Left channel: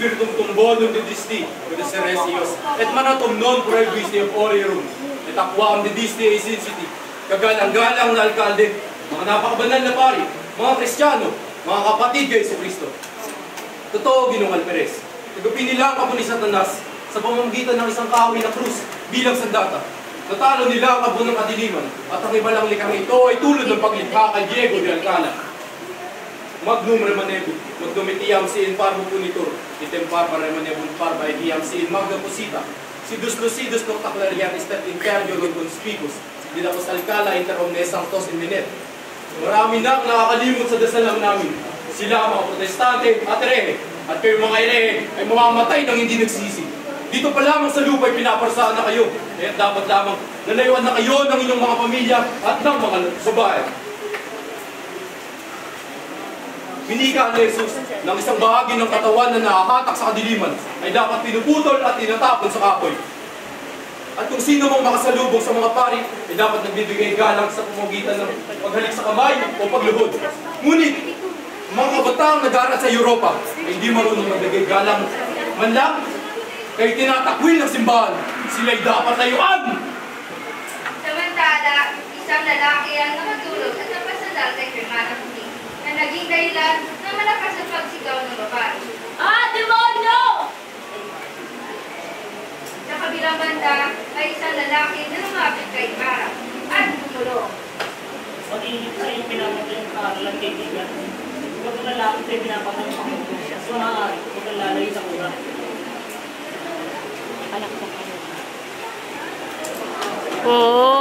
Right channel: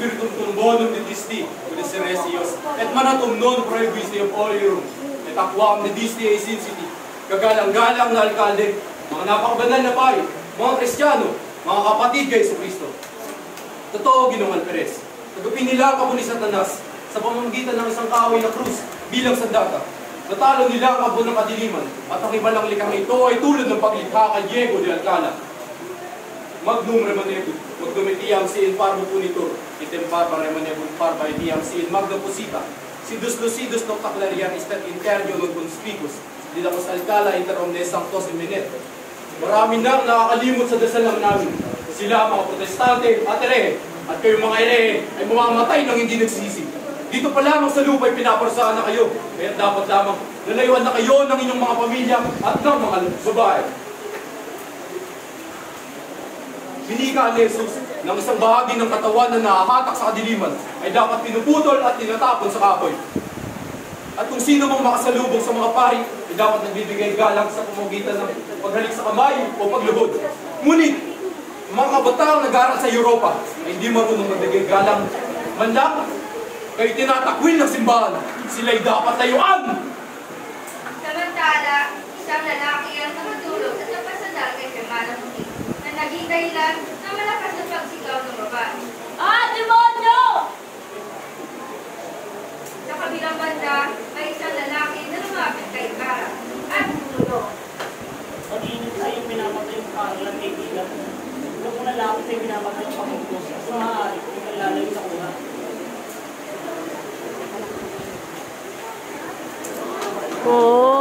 Spiritum tumbonum didisti, kuda seresios, et manatum non prohibis de orierum, et aquam didisti esinciti, kagalang-galang na alkalde, mga napakabanal na pari, mga Kristiyano, mga kapatid kay Jesucristo. Totoo, Ginoong Alperes, nagupin nila ang abo ni Satanas sa pamamagitan ng isang kahoy na krus bilang sandata. Natalo nila ang abo ng kadiliman, at ang ibalang likhang ito ay tulad ng paglikha kay Diego de Alcala. Magnum remanebum, magnum etiam siin parvo punitur, item parva remanebum parva etiam siin magnum posita, sidus lucidus noctaclarian step imperio non conspicus, didapos Alcala inter omnes sanctos indinet. Marami nang nakakalimot sa dasal lang namin. Sila mga protestante at erehe, at kayo mga erehe ay mamamatay nang hindi nagsisi. Dito pa lamang sa lupa ay pinaparsaan na kayo, kaya dapat lamang nalayuan na kayo ng inyong mga pamilya at ng mga babae. Pinika ni Jesus ng isang bahagi ng katawan na nakahatak sa kadiliman ay dapat pinuputol at tinatapon sa kahoy. At kung sino mang makasalubong sa mga pari ay dapat nagbibigay galang sa pamamagitan ng paghalik sa kamay o pagluhod. Ngunit, mga kabataang nag-aaral sa Europa ay hindi marunong nagbigay galang man lang kayo tinatakwil ng simbahan. Sila'y dapat layuan! Samantala, isang lalaki ang nakatulog sa kapasadal kay Hermana Puti na naging dahilan na malakas ang pagsigaw ng babae. Ah, demonyo! Sa kabilang banda, may isang lalaki na lumapit kay Mara at tumulong. Pag-init sa iyong pinapagayang kaaralan, kaibigan. Huwag mo na lang kayo pinapagayang pagpunto siya. So maaari, huwag kang lalayo sa una. Oo.